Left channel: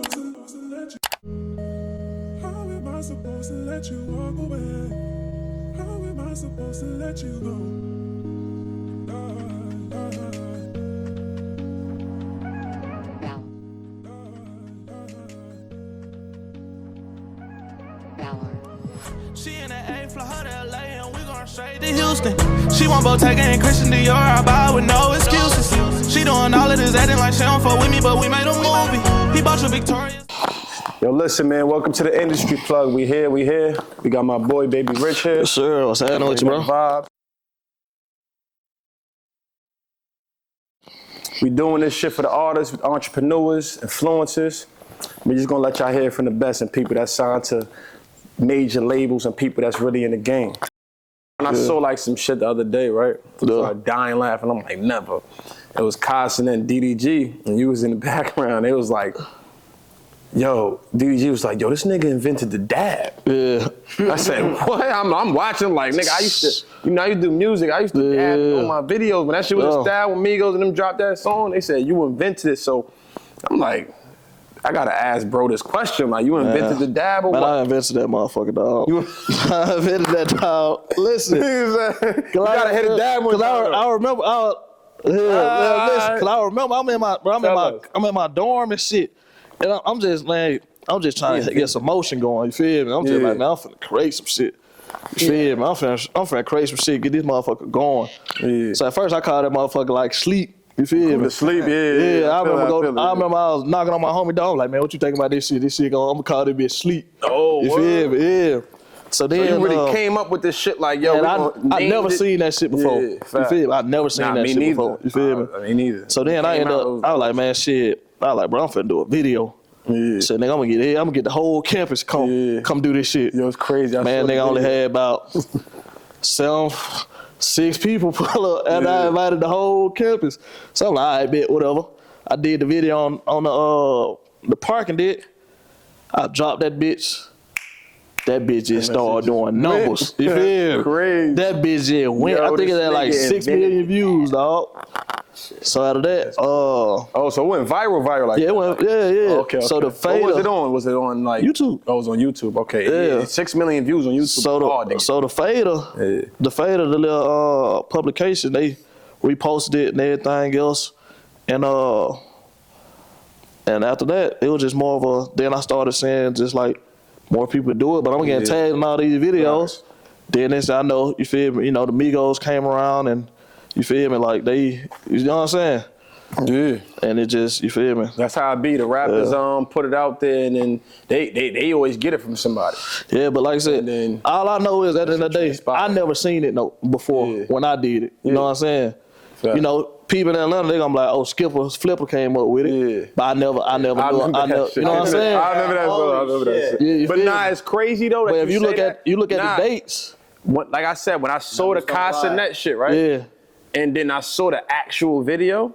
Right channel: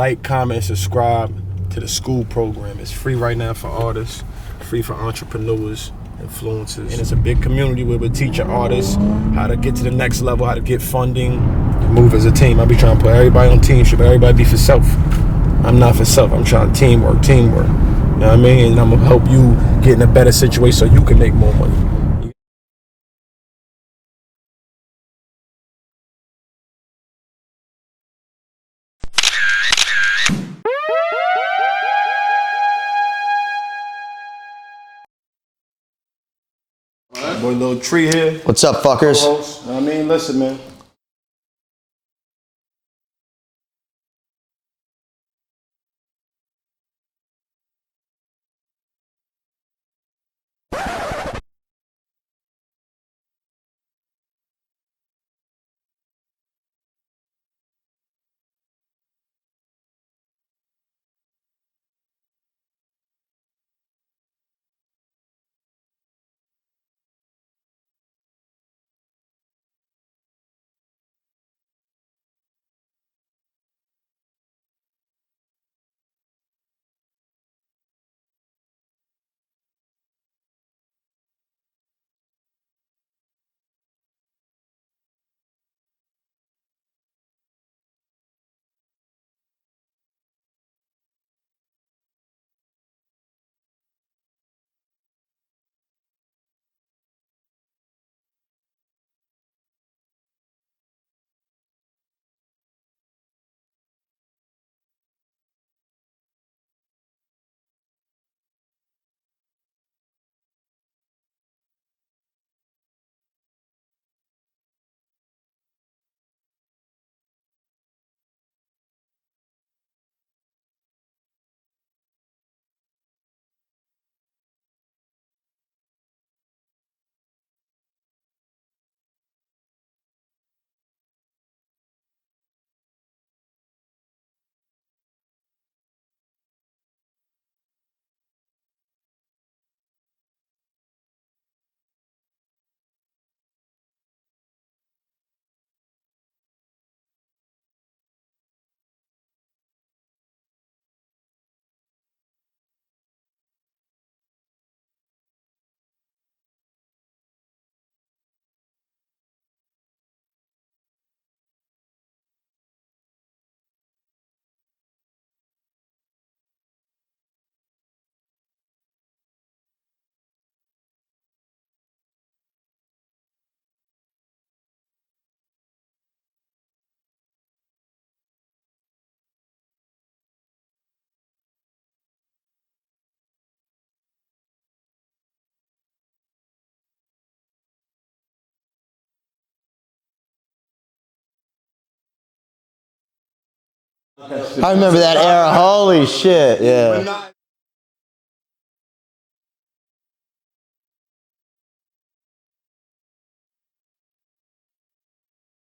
Like, comment, subscribe to the school program. It's free right now for artists, free for entrepreneurs, influencers. And it's a big community where we teach artists how to get to the next level, how to get funding, move as a team. I be trying to put everybody on teamship, but everybody be for self. I'm not for self, I'm trying to teamwork. You know what I mean? And I'm gonna help you get in a better situation so you can make more money. She want Bottega and Christian Dior, I buy with no excuses. She doing all of this acting like she don't fuck with me, but we made a movie. She bought your Victoria. Yo, listen, man, welcome to the industry plug. We here. We got my boy, Baby Rich here. Yes, sir. What's happening with you, bro? Vibe. Boy, Lil Tree here. What's up, fuckers? You know what I mean? Listen, man. We doing this shit for the artists, entrepreneurs, influencers. We just gonna let y'all hear from the best and people that signed to major labels and people that's really in the game. And I saw like some shit the other day, right? I started dying laughing. I'm like, never. It was Carson and DDG, and you was in the background. It was like, yo, DDG was like, yo, this nigga invented the dab. Yeah. I said, what? I'm watching like, nigga, I used to, you know, I used to do music. I used to dab on my videos. When that shit was a style, when Migos and them dropped that song, they said, you invented it. So I'm like, I gotta ask bro this question. Like, you invented the dab or what? I invented that motherfucker, dog. I invented that, dog. Listen. You gotta hit a dab one time. I remember, listen, cause I remember I'm in my dorm and shit. And I'm just trying to get some motion going, you feel me? I'm just like, man, I'm finna create some shit. You feel me? I'm finna create some shit, get this motherfucker going. Yeah. So at first I called that motherfucker like sleep. You feel me? To sleep, I remember I was knocking on my homie dog, like, man, what you think about this shit? This shit, I'm gonna call this bitch sleep. Oh, you feel me? Yeah. So then you really came up with this shit like, yo, I never seen that shit before. You feel me? I never seen that shit before. You feel me? Me neither. So then I was like, man, shit. I was like, bro, I'm finna do a video. Yeah. So nigga, I'm gonna get the whole campus come do this shit. Yo, it's crazy. Man, nigga only had about 6 people pull up, and I invited the whole campus. So I'm like, all right, bet, whatever. I did the video on the parking deck. I dropped that bitch. That bitch just started doing numbers. You feel me? Crazy. That bitch just went. I think it had like 6 million views, dog. So out of that, so it went viral like yeah, it went, yeah. Okay. So the fader. What was it on? Was it on like YouTube? Oh, it was on YouTube. Okay. Yeah. 6 million views on YouTube. So the fader, the little publication, they reposted it and everything else, and after that, it was just more of a. Then I started saying just like more people do it, but I'm getting tagged in all these videos. Right. Then this, I know, you feel me? You know, the Migos came around and. You feel me? Like you know what I'm saying? Yeah. And it just, you feel me? That's how it be. The rappers put it out there and then they always get it from somebody. Yeah, but like I said, all I know is at the end of the day, I never seen it before when I did it. You know what I'm saying? Fair. You know, people in Atlanta, they gonna be like, oh, Flipper came up with it. Yeah. But I never I remember that era. Holy shit. Yeah. But nah, it's crazy though. But if you look at the dates. Like I said, when I saw the Castanet shit, right? Yeah. And then I saw the actual video.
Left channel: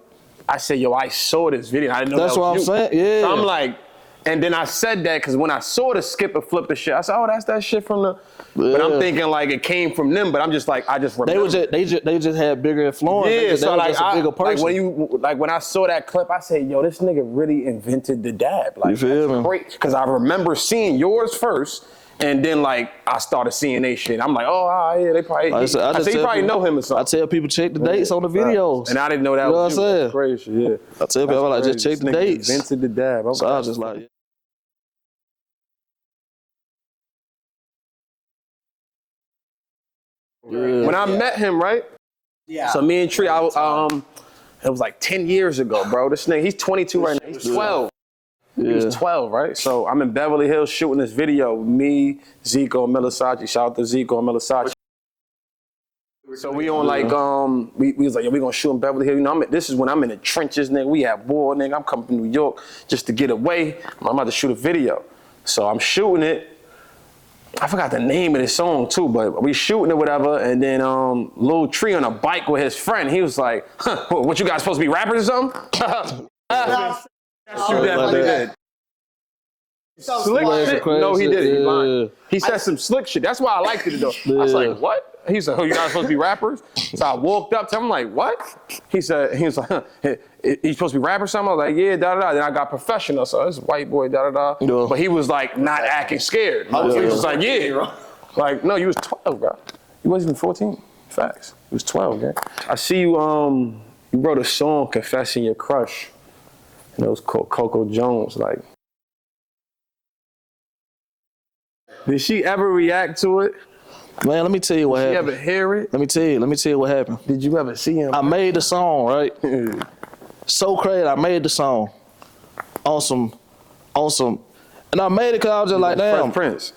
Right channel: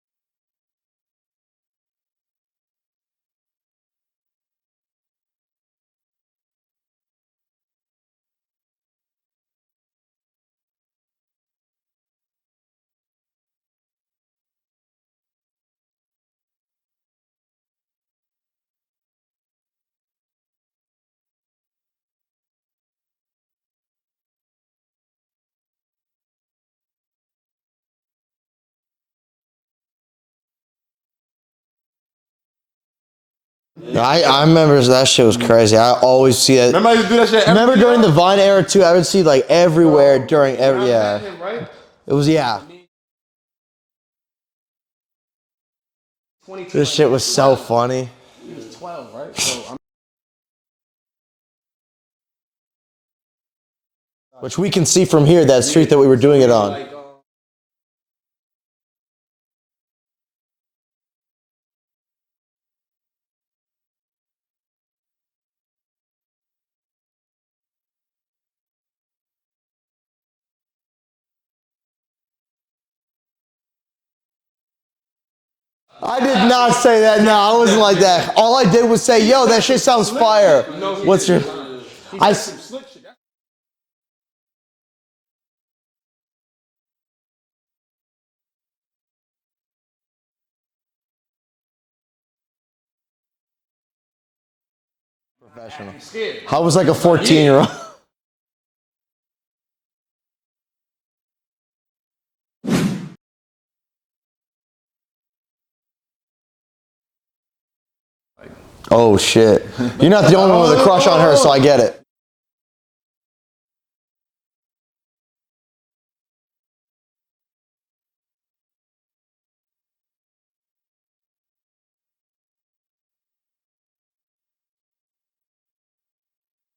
I said, yo, I saw this video. I didn't know that's that was what I'm saying. Yeah. So I'm like, and then I said that because when I saw the skip and flip the shit, I said, oh, that's that shit from the. Yeah. But I'm thinking like it came from them. But I'm just like, I just remember. They just had bigger influence. Yeah, so like a bigger person. Like when I saw that clip, I said, yo, this nigga really invented the dab. Like, you feel me? Great, because I remember seeing yours first. And then, like, I started seeing they shit. I'm like, oh, yeah, they probably. I said, you probably know him or something. I tell people check the dates on the videos. And I didn't know that was you. Know crazy, yeah. I tell people, like, just check the dates. Invented the dab. So I was just like. I remember that shit was crazy. I always see it. Remember I used to do that shit Remember during the Vine era, too? I would see, like, everywhere during every. When I met him, right? It was, So me and Tree, it was like 10 years ago, bro. This nigga, he's 22. This shit was so funny. He's 12, right? So I'm in Beverly Hills shooting this video. Me, Zico, and Milisachi. Shout out to Zico and Milisachi. Which we can see from here, that street that we were doing it on. We on like, we was like, yo, we gonna shoot in Beverly Hills. You know, this is when I'm in the trenches, nigga. We at war, nigga. I'm coming from New York just to get away. I'm about to shoot a video. So I'm shooting it. I forgot the name of the song too, but we shooting it, whatever, and then Lil Tree on a bike with his friend, he was like, what, you guys supposed to be rappers or something? I did not say that, no, I wasn't like that. All I did was say, yo, that shit sounds fire. He said some slick shit, that's why I liked it though. I was like, what? He said, "Oh, you're not supposed to be rappers?" So I walked up to him, I'm like, "What?" He was like, "You supposed to be rappers?" Something. I was like, "Yeah, da da da." Then I got professional, so this white boy, da da da. Yeah. But he was like not acting scared. I was like a 14-year-old. Like, no, you was 12, bro. You wasn't even 14. Facts. You was 12, man. I see you. You wrote a song confessing your crush. And it was called Coco Jones. Like, Oh shit! You're not the only one with a crush on her, so I get it. did she ever react to it? Man, let me tell you what Did you happened. ever hear it? Let me tell you what happened. Did you ever see him? I made the song, right? So crazy. I made the song on some, and I made it because I was just like, damn. Fresh Prince.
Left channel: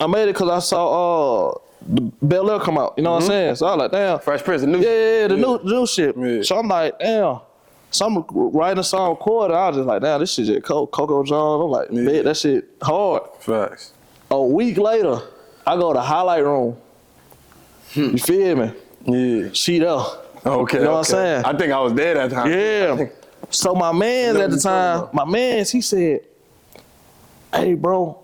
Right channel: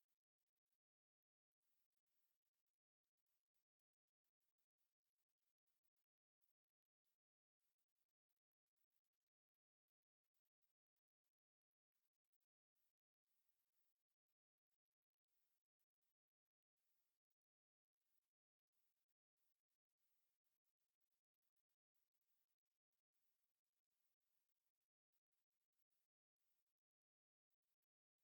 I made it because I saw the Bel Air come out. You know what I'm saying? So I was like, damn. Fresh Prince, the new Yeah, the new shit. Yeah. So I'm like, damn. So I'm writing a song, recording. I was just like, damn, this shit just Coco Jones. I'm like, man, that shit hard. Facts. A week later, I go to highlight room. You feel me? Yeah. She there. Okay. You know what I'm saying? I think I was there that time. Yeah. So my man at the time, he said, "Hey, bro,"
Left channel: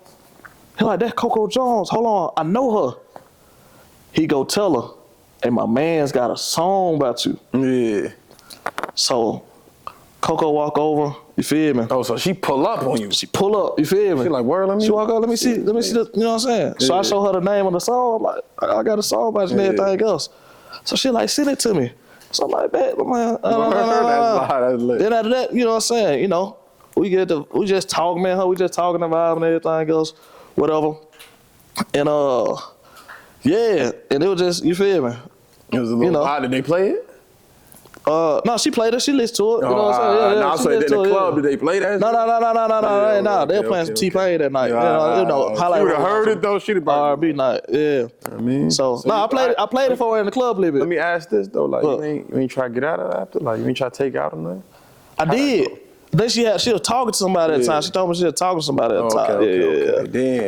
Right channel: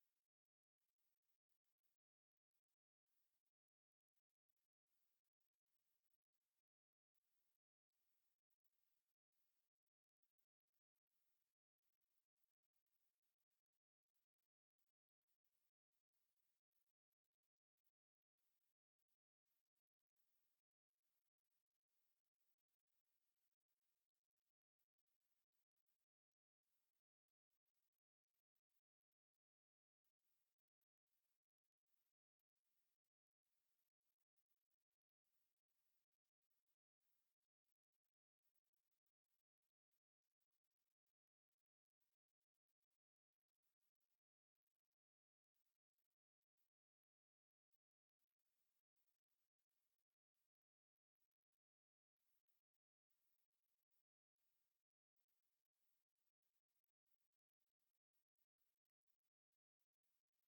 he like, "That's Coco Jones. Hold on, I know her." He go tell her, "Hey, my man's got a song about you." Yeah. So Coco walk over, you feel me? Oh, so she pull up on you. She pull up, you feel me? She like, word, let me. She walk up, let me see the, you know what I'm saying? So I show her the name of the song. I'm like, I got a song about you and everything else. So she like, send it to me. So I'm like, bet, man. That's lit. Then after that, you know what I'm saying? You know, we just talk, man. We just talking about and everything else, whatever. And yeah, and it was just, you feel me? It was a little odd. Did they play it? No, she played it. She listened to it. You know what I'm saying? No, so in the club, did they play that? No. They were playing some T-Pain that night. You know, highlight. She would have heard it though. She'd have R&B night. Yeah. I mean, So no, I played it for her in the club a little bit. Let me ask this though, like you ain't try to get out of it after, like you ain't try to take out on that. I did. Then she was talking to somebody at the time. She told me she was talking to somebody at the time. Okay.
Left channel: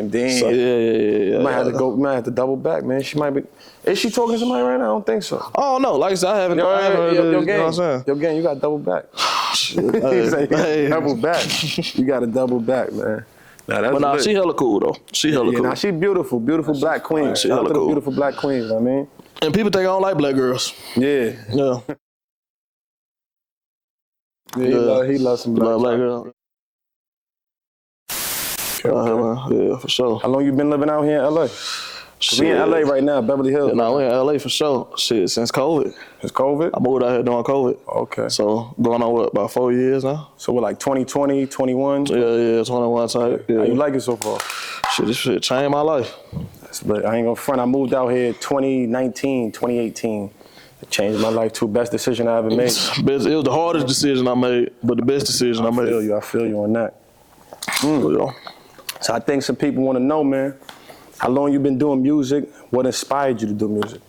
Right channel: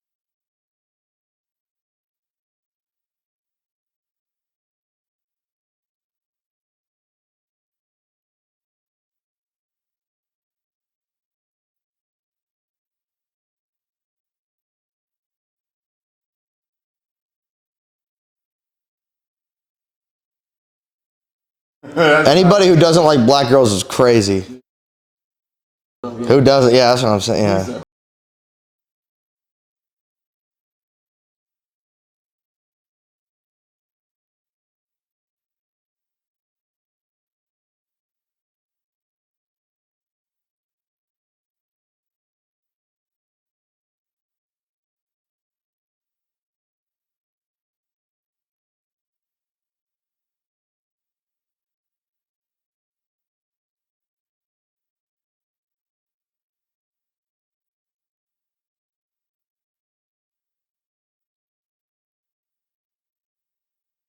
Damn. So, yeah. You might have to go. You might have to double back, man. She might be. Is she talking to somebody right now? I don't think so. Oh no, like I said, I haven't. Yo, you know what I'm saying? Yo, gang, you got to double back. Hey. Double back. You got to double back, man. Nah, that's But lit. she hella cool though. She hella cool. Nah, she beautiful black queen. She Shout out hella to the cool. beautiful black queens. I mean, And people think I don't like black girls. yeah. Yeah. Anybody who doesn't like black girls is crazy. He loves some Love black. black girls. Who doesn't? Yeah, that's what I'm saying. Yeah. Yeah, for sure. How long you been living out here in LA? We in LA right now, Beverly Hills. No, we in LA for sure. Shit, since COVID. It's COVID? I moved out here during COVID. Okay. So going on what, about 4 years now? So we're like 2020, 21? Yeah, 21 type. Yeah. How you like it so far? Shit, this shit changed my life. But I ain't gonna front. I moved out here 2019, 2018. It changed my life too. Best decision I ever made. It was the hardest decision I made, but the best decision I made. I feel you on that. Yeah. So I think some people want to know, man, how long you been doing music? What inspired you to do music?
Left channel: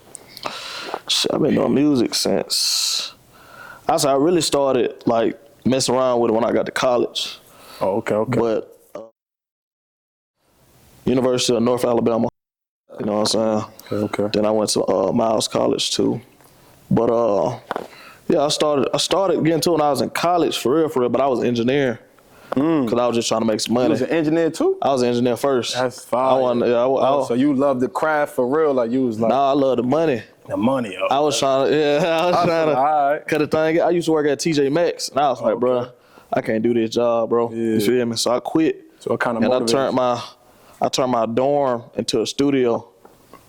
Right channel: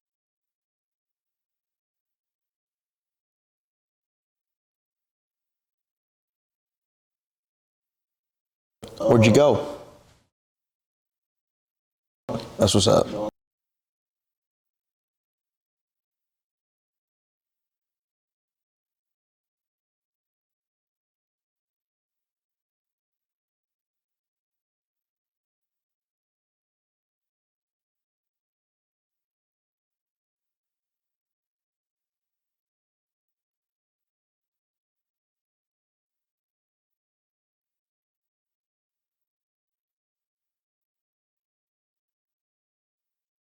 Shit, I've been doing music since I really started like messing around with it when I got to college. Oh, okay. But Where'd you go? University of North Alabama. That's what's up. You know what I'm saying? Okay. Then I went to Miles College too. But yeah, I started getting to it when I was in college for real, but I was engineering. Cause I was just trying to make some money. You was an engineer too? I was an engineer first. That's fine. So you love the craft for real? Like you was like, Nah, I love the money. the money. I was trying to, Alright. cut the thing. I used to work at TJ Maxx, and I was like, bro, I can't do this job, bro. You feel me? So I quit. So it kind of And motivated I turned my dorm into a studio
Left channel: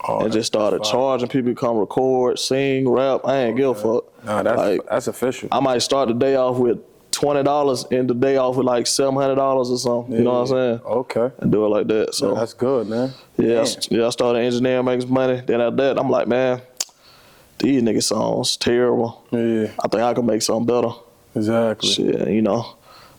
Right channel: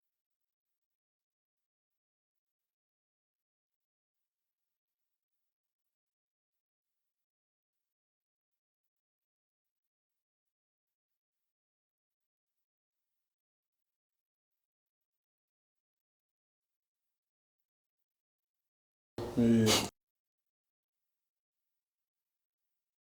and just started charging people to come record, sing, rap. I ain't give a fuck. Nah, that's official. I might start the day off with $20 and the day off with like $700 or something. You know what I'm saying? Okay. And do it like that. So That's good, man. yeah, I started engineering, making some money. Then after that, I'm like, man, these nigga songs terrible. Yeah. I think I can make something better. Exactly. Shit, you know,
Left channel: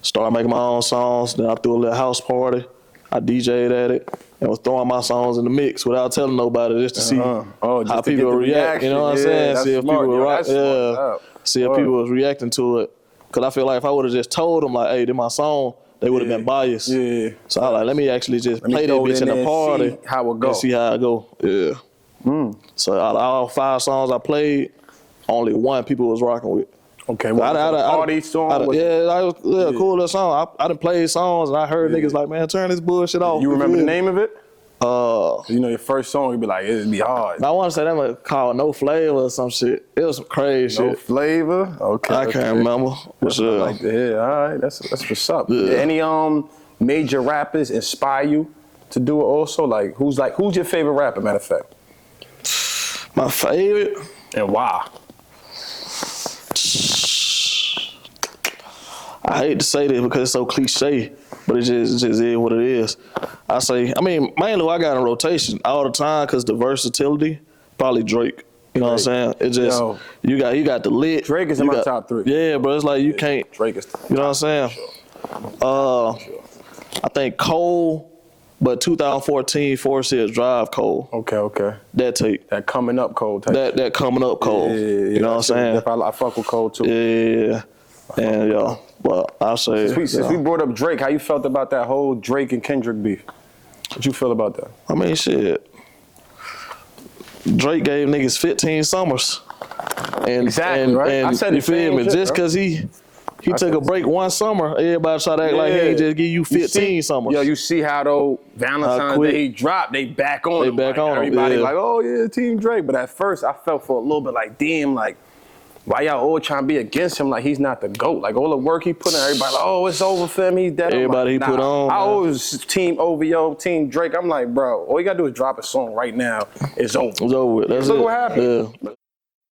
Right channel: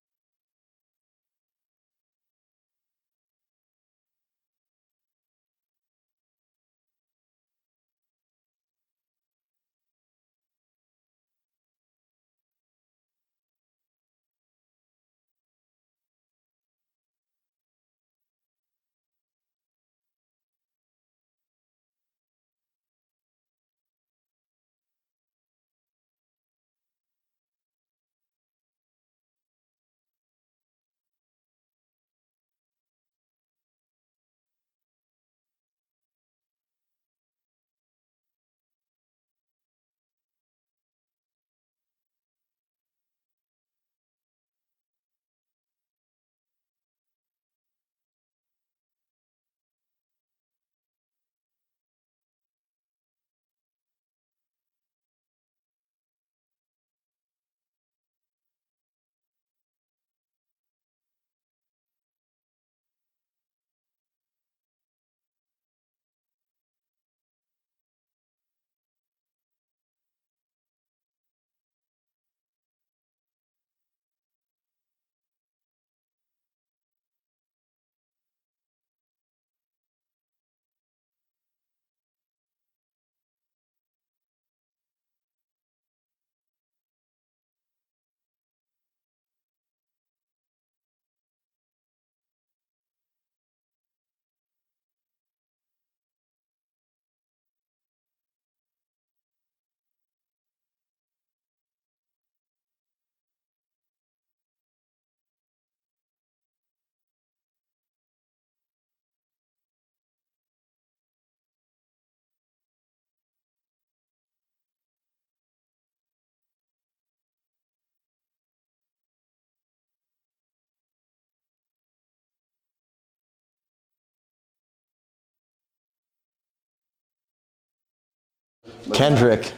started making my own songs. Then I threw a little house party. I DJ'd at it and was throwing my songs in the mix without telling nobody, just to see Oh, just how to get people the react. You know what I'm reaction. Yeah, saying? that's See if smart. people Yo, were that's smart. see if people was reacting to it. Cause I feel like if I would have just told them like, hey, this my song, they would have been biased. Yeah. So I like, let me actually just me play that throw it bitch in in there the and party see how it go. and see how it go. Yeah. So out of all 5 songs I played, only 1 people was rocking with. Okay, well, party song? Cool little song. I done played songs and I heard niggas like, man, turn this bullshit off. You remember the feel me? name of it? You know, your first song, you'd be like, it'd be hard. I want to say that was called No Flavor or some shit. It was some crazy No shit. flavor? Okay. I can't remember. But I like to hear. All right, that's what's up. Yeah. Any major rappers inspire you to do it also? Who's your favorite rapper, matter of fact? My favorite? And why? I hate to say this because it's so cliche, but it just is what it is. Mainly I got in rotation all the time because the versatility, probably Drake. You know what I'm saying? It just, you got the lit. Drake is in my top 3. Yeah, bro, it's like you can't. Drake is You know what I'm saying? Sure. I think Cole, but 2014 Forest Hills Drive Cole. Okay. That tape. That coming up Cole type. That coming up Cole. Yeah, you know what I'm saying? I fuck with Cole too. Yeah. And but I'll say. Since we brought up Drake, how you felt about that whole Drake and Kendrick beef? What you feel about that? I mean, shit. Drake gave niggas 15 summers. And, Exactly, right? And I said you the same feel me? shit, Just bro. because he took a break one summer, everybody try to act like he ain't just give you 15 summers. Yo, you see how though Valentine's quick. Day he dropped, they back on him. back on him, everybody yeah. like, oh yeah, Team Drake. But at first I felt for a little bit like, damn, like, why y'all all trying to be against him like he's not the GOAT? Like all the work he put in, everybody like, oh, it's over for him, he's dead. Everybody like, he put on, I man. always Team OVO, Team Drake. I'm like, bro, all you gotta do is drop a song right now. It's over. It's over with. That's Look it. what happened. Yeah. Kendrick.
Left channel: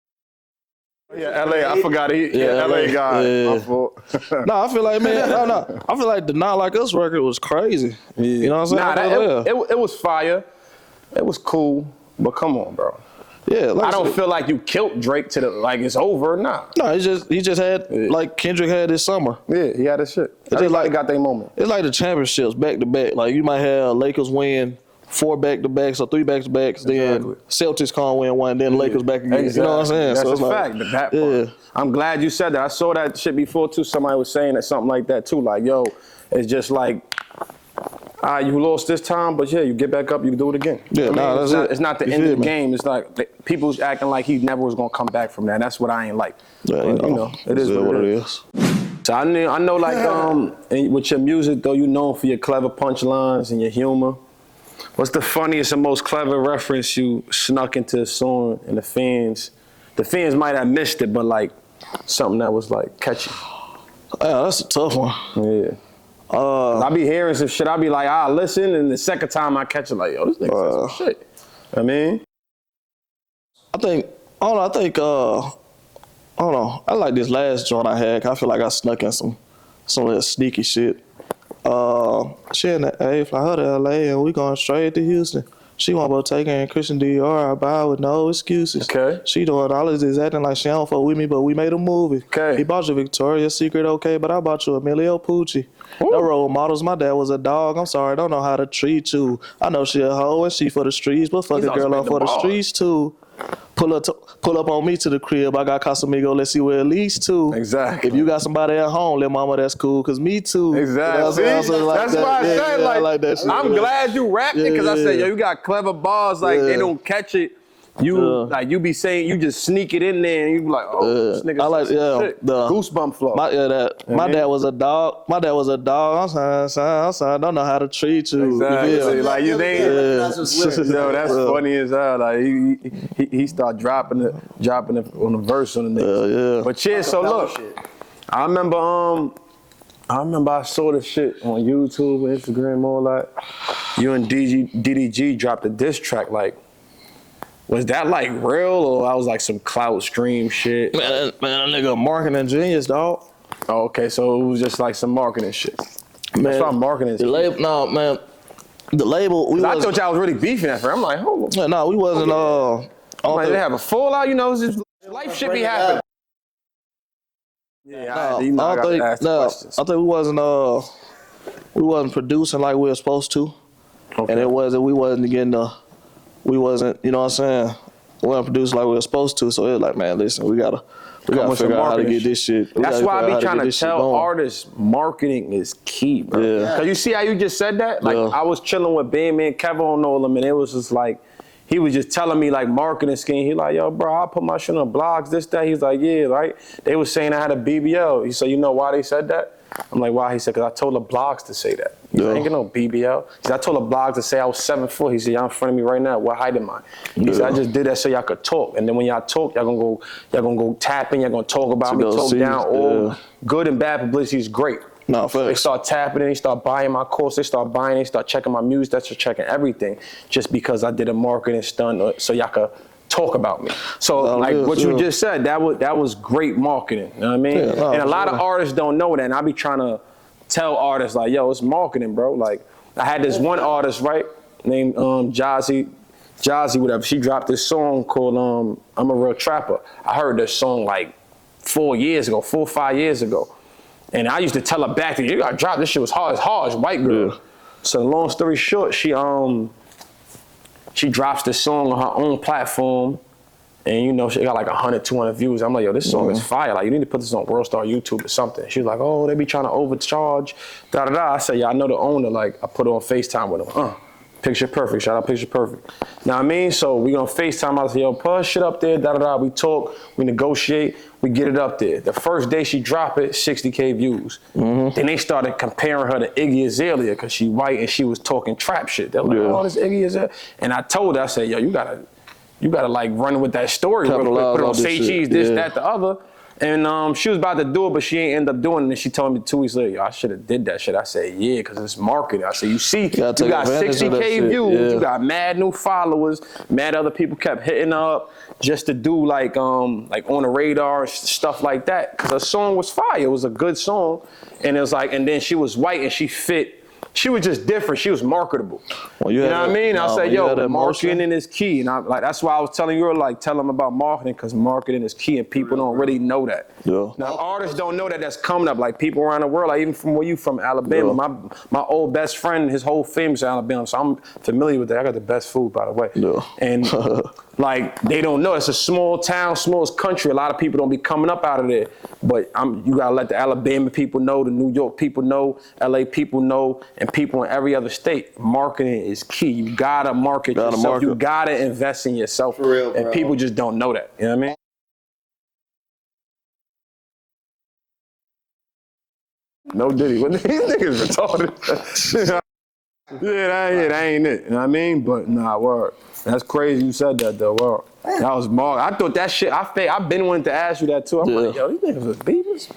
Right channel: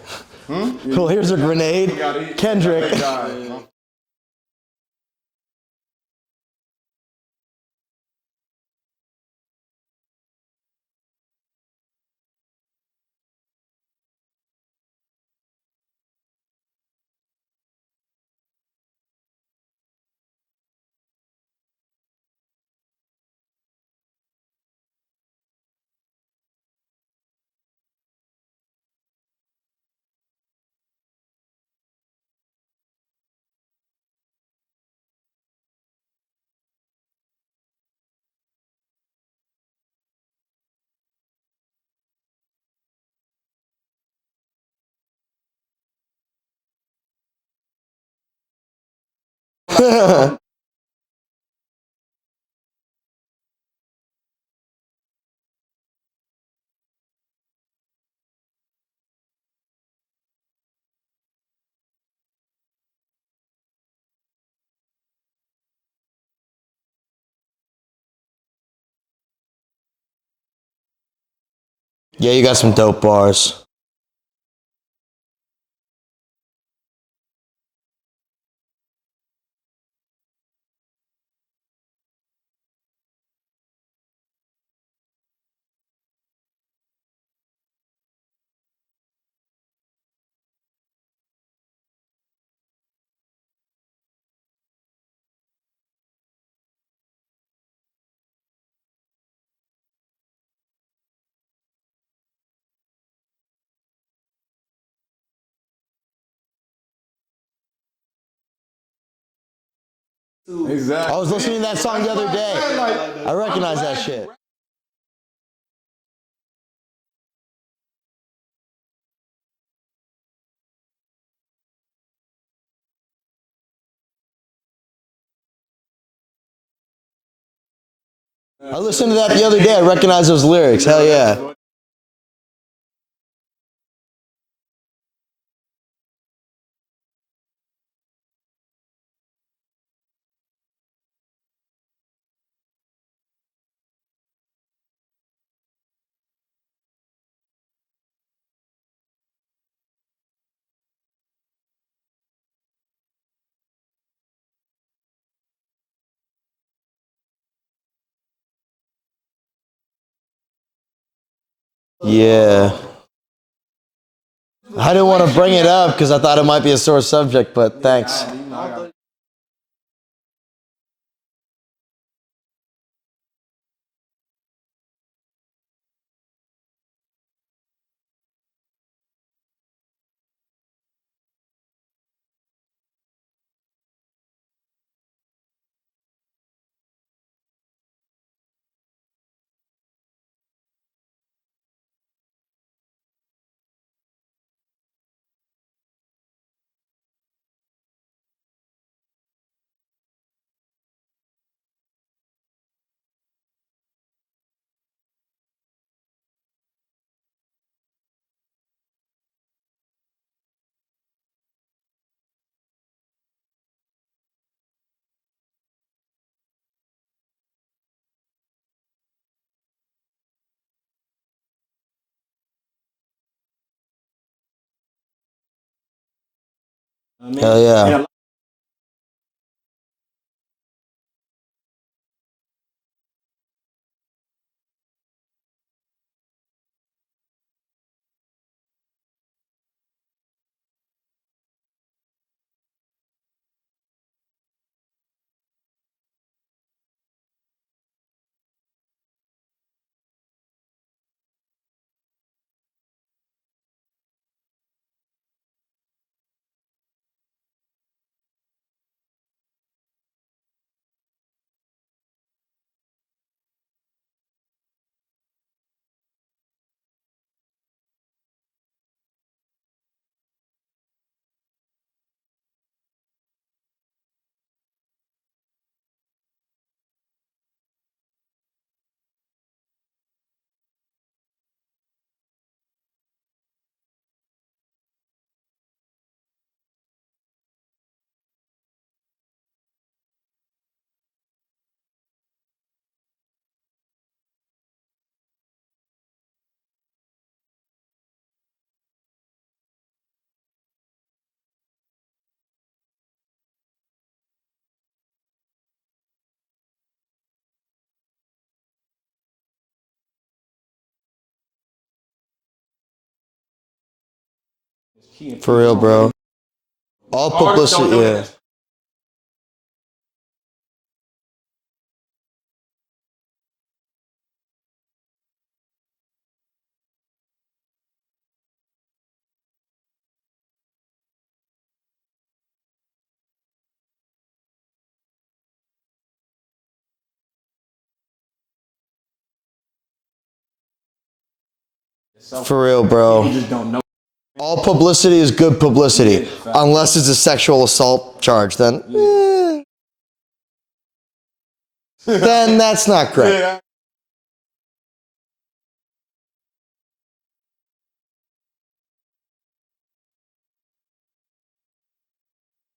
Well, here's a I grenade. forgot he, Kendrick. My fault. No, I feel like, man, I feel like the Not Like Us record was crazy. You know what I'm saying? It was fire. It was cool, but come on, bro. Yeah, like I don't feel like you killed Drake to the like it's over. Nah. No, he just had like Kendrick had this summer. Yeah, he had his shit. just Everybody like- got their moment. It's like the championships back to back. Like you might have Lakers win 4 back-to-backs or 3 back-to-backs, then Celtics can't win one, then Lakers back again. Exactly. You know what I'm saying? That's so it's a like, fact. That part. I'm glad you said that. I saw that shit before too. Somebody was saying that something like that too. Like, yo, it's just like, you lost this time, but yeah, you get back up, you can do it again. Yeah, that's it. It's not the You end of feel the me? game. It's like people's acting like he never was gonna come back from that. That's what I ain't like. Yeah, But, it is what it is. is. So I know like, and with your music though, you known for your clever punchlines and your humor. What's the funniest and most clever reference you snuck into a song and the fans might have missed it, but like something that was like catchy? Yeah, that's a tough one. Yeah. I be hearing some shit, I be like, listen, and the second time I catch it like, yo, this nigga said some shit. I mean? Yeah, you got some dope bars. I don't know. I like this last joint I had. I feel like I snuck in some of that sneaky shit. She in the A, fly her to LA, and we going straight to Houston. She want Bottega and Christian Dior, I buy with no excuses. Okay. She doing all of this, acting like she don't fuck with me, but we made a movie. Okay. He bought you Victoria's Secret, okay, but I bought you Emilio Pucci. No role models, my dad was a dog, I'm sorry, I don't know how to treat you. I know she a hoe and she for the streets, but fuck He's a girl also off for the been the streets too. Pull up on me to the crib. I got Casamigo. Let's see where at least 2. Exactly. If you got somebody at home, let mama, that's cool. Cause me too. Exactly. That's That's why I said, like that shit. I'm glad you rapped it because I said, yo, you got clever bars, like they Yeah. don't catch it. You be saying, you just sneak it in there and you be like, oh, this nigga I like said some shit. the Goosebump flow. My dad was a dog. My dad was a dog. I'm sorry. I don't know how to treat you. Exactly. Listen to that the other day. I recognize those lyrics. Hell yeah. Funny as hell. Like he start dropping it on the verse on the niggas. Yeah. But yeah, so look, I remember I saw this shit on YouTube, Instagram, all that. You and DDG dropped a diss track. Like, was that like real or that was like some clout stream shit? Man, that nigga marketing genius, dog. Oh, okay, so it was just like some marketing shit. Man, That's why marketing. The label, no, man. The label, I thought y'all was really beefing at first. I'm like, hold on. No, we wasn't. Yeah. Like, they have a fallout, you know? It was just, I didn't want to bring it up because I thought it might be a sore subject, but thanks. You might have to ask the questions. I think we wasn't producing like we were supposed to, Okay. and we wasn't, you know what I'm saying? We wasn't producing like we were supposed to, so it was like, man, listen, we gotta with some figure out how to marketing get this shit. We That's gotta why figure I out be how trying get to this shit tell going. artists marketing is key, bro. Yeah. Cause you see how you just said that? Like Yeah. I was chilling with Bandman Kevin on all them, and it was just like he was just telling me like marketing scheme. He like, yo, bro, I put my shit on blogs, this, that. He's like, yeah, right. They was saying I had a BBL. He said, you know why they said that? I'm like, why? He said, cause I told the blogs to say that. You I ain't get no BBL. He said, I told a blog to say I was 7'4". He said, y'all in front of me right now. What height am I? He said, I just did that so y'all could talk. And then when y'all talk, y'all gonna go tapping, y'all gonna talk about me, talk down. All good and bad publicity is great. No, They start tapping, they start buying my course, they start checking my music, they start checking everything, just because I did a marketing stunt so y'all could talk about me. So what you just said, that was great marketing. You know what I mean? And a lot of artists don't know that, and I be trying to tell artists like, yo, it's marketing, bro. Like, I had this one artist, right, named Jazzy, whatever. She dropped this song called I'm a Real Trapper. I heard this song like 4 or 5 years ago. And I used to tell her back, you gotta drop this shit was hard. It's hard, it's white girl. Yeah. So long story short, she drops this song on her own platform, and you know, she got like 100, 200 views. I'm like, yo, this song is fire. Like, you need to put this on Worldstar YouTube or something. She was like, oh, they be trying to overcharge, da-da-da. I said, yeah, I know the owner. Like, I put her on FaceTime with him. Picture Perfect, shout out Picture Perfect. Know what I mean? So we gonna FaceTime, I was like, yo, put shit up there, da-da-da. We talk, we negotiate, we get it up there. The first day she drop it, 60K views. Then they started comparing her to Iggy Azalea because she white and she was talking trap shit. They're like, oh, this Iggy Azalea. And I told her, I said, yo, you gotta like run with that story real quick. Put it on Say Cheese, this, that, the other. And she was about to do it, but she ain't end up doing it. And she told me 2 weeks later, yo, I should have did that shit. I said, yeah, because it's marketing. I said, you see, you got 60K views, you got mad new followers, mad other people kept hitting her up just to do like on the radar, stuff like that. Because her song was fire. It was a good song. And it was like, and then she was white and she fit. She was just different. She was marketable. Well, you know what I mean? I said, yo, marketing is key. And that's why I was telling you, like, tell them about marketing, because marketing is key. And For real, people don't really know that. Yeah. All publicity, don't know that that's coming up. Like, people around the world, like, even from where you from, Alabama. My old best friend, his whole family's Alabama, so I'm familiar with that. I got the best food, by the way. And, like, they don't know. It's a small town, smallest country. A lot of people don't be coming up out of there. But you gotta let the Alabama people know, the New York people know, LA people know, and people in every other state. Marketing is key. You gotta market yourself. You gotta invest in yourself. For real, bro. People just don't know that. You know what I mean? All publicity is good publicity, unless it's a sexual assault charge. Then no Diddy. These niggas retarded. Then that's not great. Yeah, that ain't it. You know what I mean? But nah, word. That's crazy you said that though. Word. That was marketing. I thought that shit. I've been wanting to ask you that too. I'm like, yo, these niggas was beavers.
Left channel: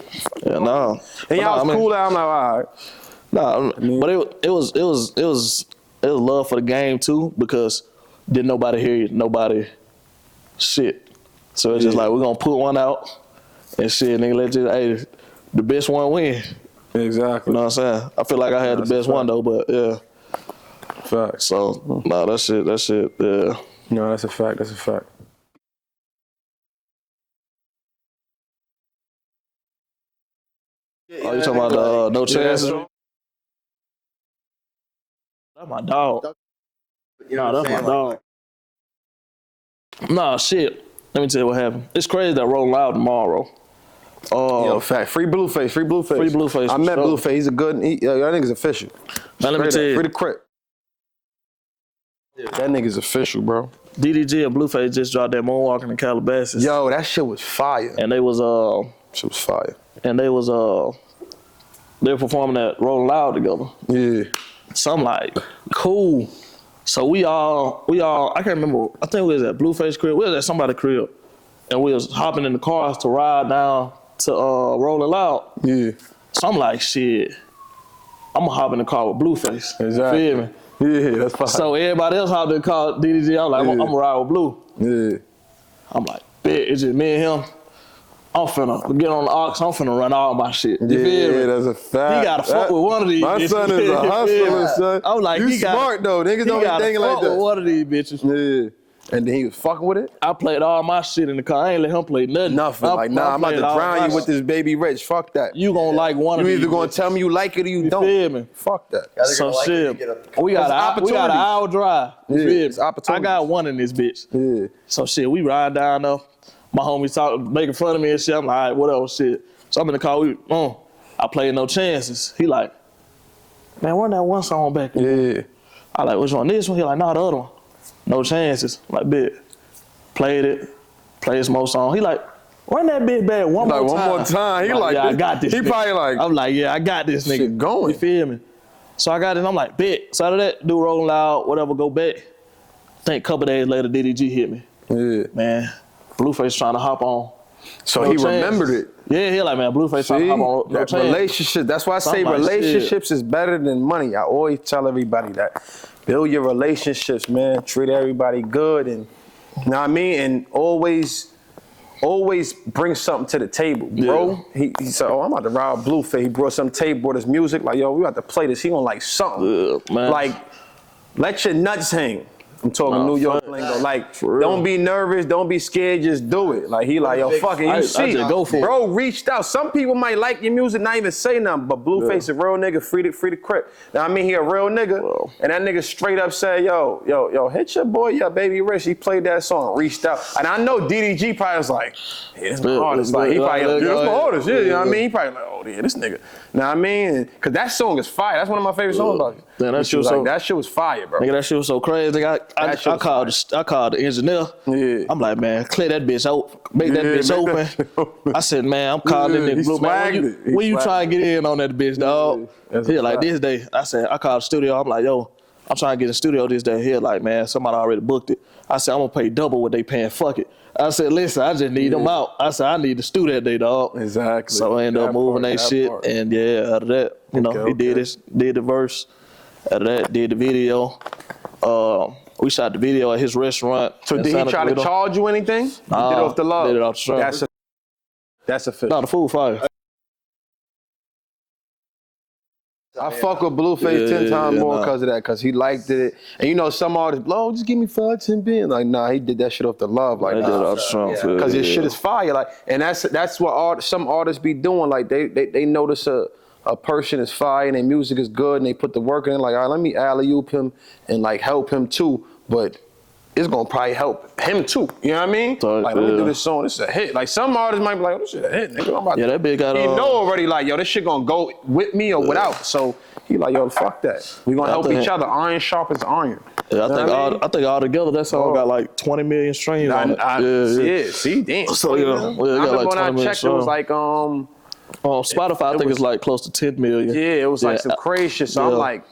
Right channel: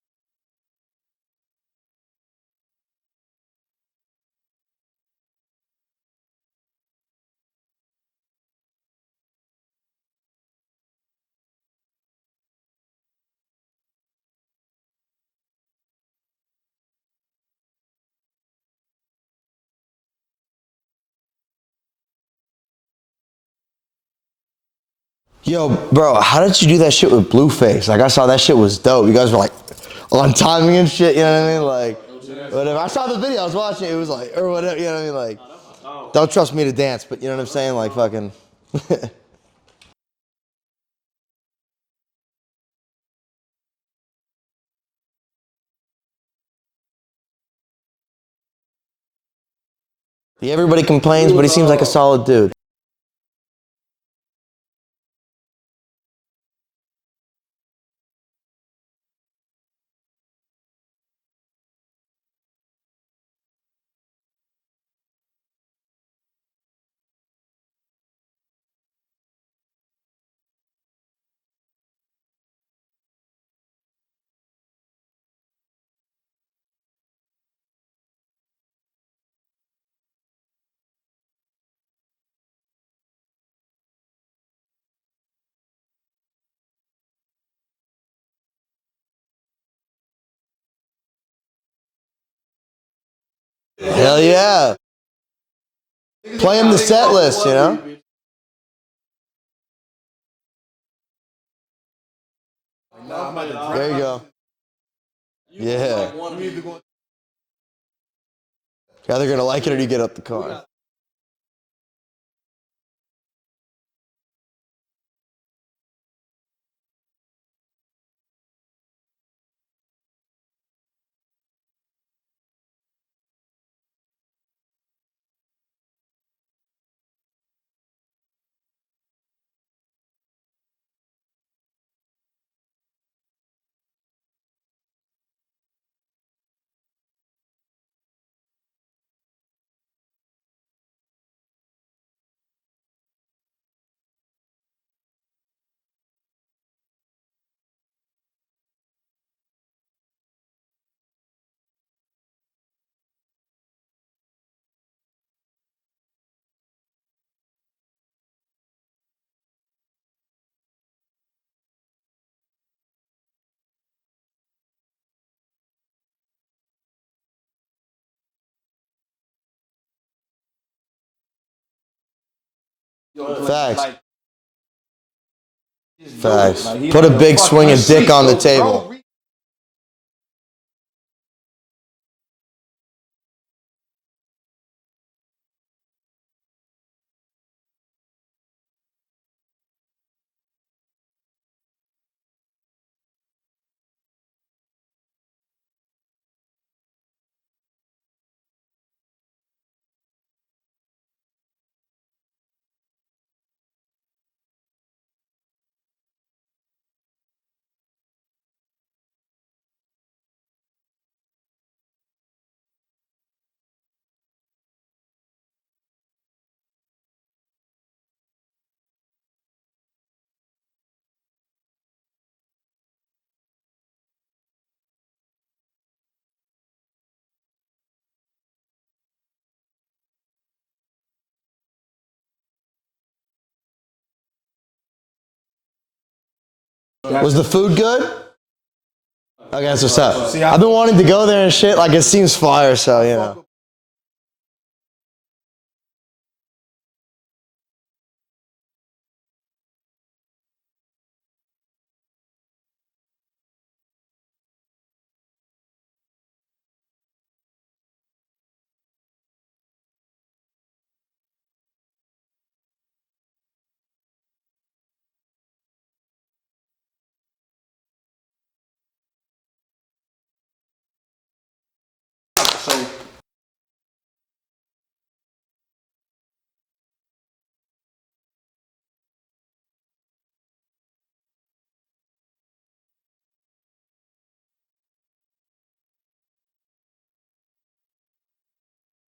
Yeah, no. And y'all was cool out. I'm like, all right. Nah, but it was love for the game too, because didn't nobody hear you, nobody shit. So it's just like, we're gonna put one out and shit, nigga, let you, hey, the best one win. Exactly. You know what I'm saying? I feel like I had the best one though, but yeah. Fact. So nah, that shit, yeah. No, that's a fact. Yo, bro, how did you do that shit with Blueface? Like, I saw that shit was dope. You guys were like on timing and shit, you know what I mean? Like, no chance. I saw the video, I was watching it, it was like, or whatever, you know what I mean? Like, my dog. Don't trust me to dance, but you know what I'm saying? Like, fucking. Nah, shit. Let me tell you what happened. It's crazy that rolling out tomorrow. Yo, fact. Free Blueface. Free Blueface. I met Blueface. He's a good. Y'all niggas official. Now let me tell you. Free the crit. Yeah, everybody complains, but he seems like a solid dude. That nigga's official, bro. DDG and Blueface just dropped that Moonwalking in Calabasas. Yo, that shit was fire. And they was shit was fire. And they was they were performing at Rolling Loud together. Yeah. So I'm like, cool. So we all I can't remember. I think we was at Blueface crib. We was at somebody's crib, and we was hopping in the cars to ride down to Rolling Loud. Yeah. So I'm like, shit, I'm gonna hop in the car with Blueface. Exactly. You feel me? Yeah, that's fine. So everybody else hopped in the car, DDG. I'm like, I'm gonna ride with Blue. Yeah. I'm like, bet, it's just me and him. I'm finna get on the aux. I'm finna run all my shit. You feel me? Yeah, that's a fact. He gotta fuck with one of these. My bitches. son is Hell yeah. I'm like, you he got smart though. They Play him the set list, you know? Yeah. And then he was fucking with it? I played all my shit in the car. I ain't let him play nothing. Nothing. Like, nah, I'm about to grind you with this baby Rich. Fuck that. You gonna like one of these. You either gonna tell me you like it or you don't. Feel me? Fuck that. Yeah, they're gonna like you to get up the car. We got an hour drive. You feel me? It's opportunity. I got one in this bitch. Yeah. So shit, we ride down though. My homies talking, making fun of me and shit. I'm like, all right, whatever, shit. So I'm in the car. I played No Chances. He like, man, run that one song back. Yeah. I like, which one? This one? He like, nah, the other one. No Chances. I'm like, bitch. Played it. Played some more song. He like, run that bitch back one more time. One more time. He like, yeah, I got this. He nigga. probably like, I'm like, yeah, I got this nigga. Shit going. You feel me? So I got it, and I'm like, bet. So out of that, do Rolling Loud, whatever, go back. I think a couple days later, DDG hit me. Yeah. Man, Blueface trying to hop on. So No he chance. remembered it. Yeah, he like, man, Blueface trying to hop on. No That chance. relationship. That's why I say Something like relationships is better than money. I always tell everybody that. Build your relationships, man. Treat everybody good, and you know what I mean. And always bring something to the table, bro. Yeah. He said, "Oh, I'm about to ride Blueface." He brought some tape, brought his music. Like, yo, we about to play this. He gonna like something. Yeah, man. Like, let your nuts hang. I'm talking New York. facts. Like, For real. don't be nervous. Don't be scared. Just Facts. do it. Like, Put a like, big fuck swinging it. dick on the Bro table. reached out. Some people might like your music, not even say nothing, but Blueface a real nigga, free the crip. Now I mean, he a real nigga, and that nigga straight up said, yo, hit your boy, yeah, Baby Rich. He played that song, reached out, and I know DDG probably was like, yeah, this my artist. Like he probably, like, yeah, that's my artist. Yeah, you know what I mean? He probably like, oh yeah, this nigga. Know what I mean? Cause that song is fire. That's one of my favorite songs about you. Man, that shit was so- that shit was fire, bro. Nigga, that shit was so crazy. Nigga, I called the engineer. Yeah. I'm like, man, clear that bitch out. Make that bitch make open. that shit open. I said, man, I'm calling Yeah, this he nigga Blue, man. swagged it. He When you swagged trying to get in on that bitch, dog? that's He a like, fact. this day. I said, I called the studio. I'm like, yo, I'm trying to get in the studio this day. He like, man, somebody already booked it. I said, I'm going to pay double what they paying. Fuck it. I said, listen, I just need them out. I said, I need the studio that day, dog. Exactly. So I ended up That moving part, that that shit. part. And yeah, out of that, you know, Okay, he did the verse. Out of that, did the video. We shot the video at his restaurant. So in did he Santa try to Clarita. charge you anything? Nah, He did it off the love. did it off the strap. Was the food good? That's official. No, the food fire. Okay, that's what's up. I've been wanting to go there and shit. Like, it seems fire, so, I yeah. fuck with Blueface 10 times more nah. because of that, because he liked it. And you know, some artists, blow, just give me 5, 10 billion. Like, nah, he did that shit off the love. Like, They did it off the strong. because his shit is fire. Like, and that's what some artists be doing. Like, they notice a person is fire and their music is good and they put the work in. Like, all right, let me alley-oop him and like help him too. But it's gonna probably help him too. You know what I mean? So, like, let me do this song. This is a hit. Like, some artists might be like, oh, this shit a hit, nigga. I'm about Yeah, to. that big got He know already, like, yo, this shit gonna go with me or without. So he like, yo, fuck that. We gonna help think- each other. Iron sharpens iron. Yeah, You know what I think all together that song got like 20 million streams on it. See, damn. So, yeah, I it got remember like when I 20 million checked, it was songs. like, Spotify, I think it's like close to 10 million. yeah, it was like some crazy shit. So I'm yeah. like,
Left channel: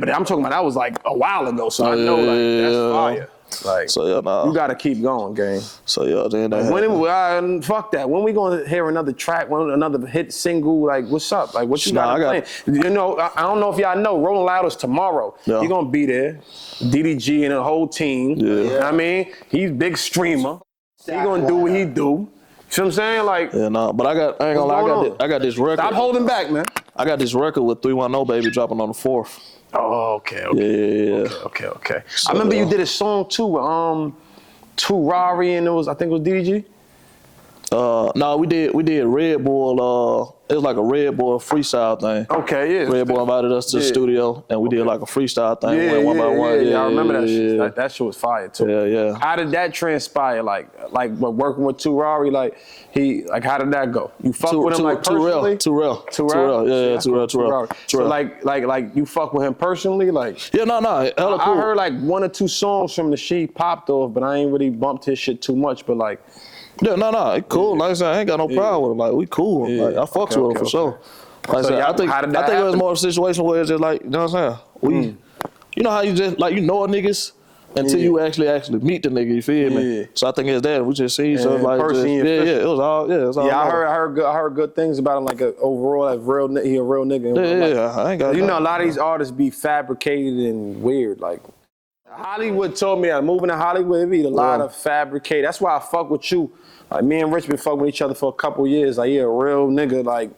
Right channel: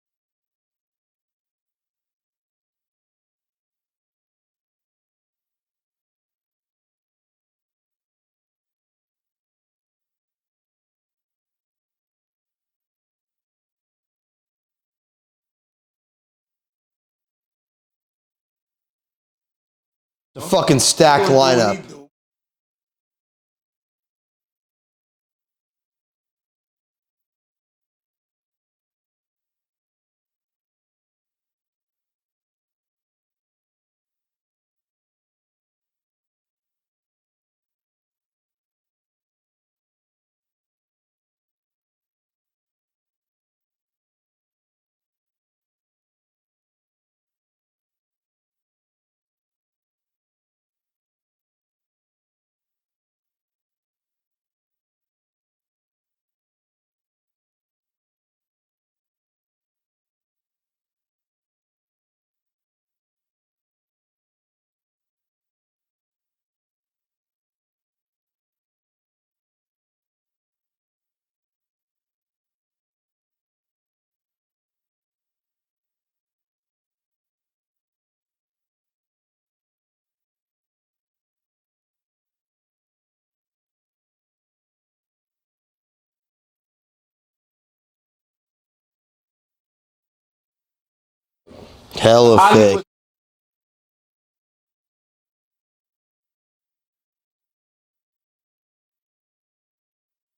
but I'm talking about that was like a while ago. So I know, like, that's fire. Like, So yeah, nah. you gotta keep going, gang. So yeah, then that Fuck that. When we gonna hear another track, another hit single? Like, what's up? Like, what you Nah, got I playing? You know, I don't know if y'all know, Rolling Loud is tomorrow. Yeah. He gonna be there. DDG and the whole team. Yeah. You know what I mean? He's big streamer. Fucking stacked He gonna do what lineup. he do. See what I'm saying? Like, Yeah, nah, but I ain't gonna lie, going on? I got this record. stop holding back, man. I got this record with 310 Baby dropping on the 4th. Oh, okay. Yeah. Okay. I remember you did a song too with Two Rari and I think it was DDG. No, we did Red Bull. It was like a Red Bull freestyle thing. Okay, yeah. Red Bull invited us to the Yeah. studio, and we did like a freestyle thing. Yeah, went one by one. Yeah, I remember that shit. yeah. That shit was fire too. Yeah. How did that transpire? Like working with Two Rari, how did that go? You fuck with him like personally? Too real. Yeah, too real. So like you fuck with him personally, like. Yeah, no, hella cool. I heard like 1 or 2 songs from the shit he popped off, but I ain't really bumped his shit too much. But like, Yeah, no, it cool. Like I said, I ain't got no problem with him. Like, we cool. Yeah. Like, I fucks with him for sure. Like I So said, y'all- I think how did that it was happen? more of a situation where it's just like, you know what I'm saying? You know how you just, like, you know a niggas until you actually meet the nigga, you feel me? Yeah. So I think it's that. We just see each other in like, person, just, it was all, it was all. yeah, I love. heard good things about him. Like overall, like he a real nigga. Yeah, I ain't got You know, a lot of these artists be fabricated and weird. Like, Hella Hollywood fake. told me that moving to Hollywood, it be a lot of fabricated. That's why I fuck with you. Like, me and Rich been fucking with each other for a couple years. Like, he a real nigga, like,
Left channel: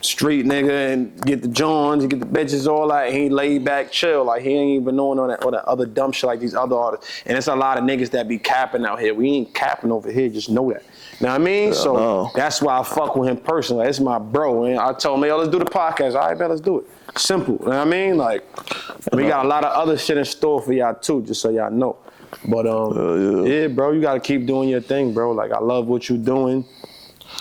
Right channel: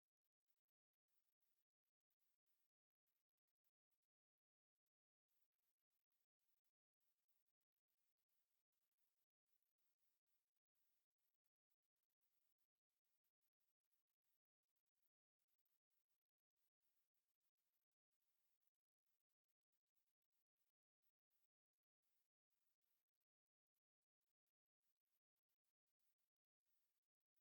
street nigga, and get the Johns, you get the bitches, all that. He laid back, chill. Like, he ain't even knowing all that other dumb shit like these other artists. And it's a lot of niggas that be capping out here. We ain't capping over here, just know that. Know what I mean? So that's why I fuck with him personally. That's my bro. And I told him, yo, let's do the podcast. All right, man, let's do it. Simple. You know what I mean? Like, we got a lot of other shit in store for y'all too, just so y'all know. But yeah, bro, you gotta keep doing your thing, bro. Like, I love what you doing.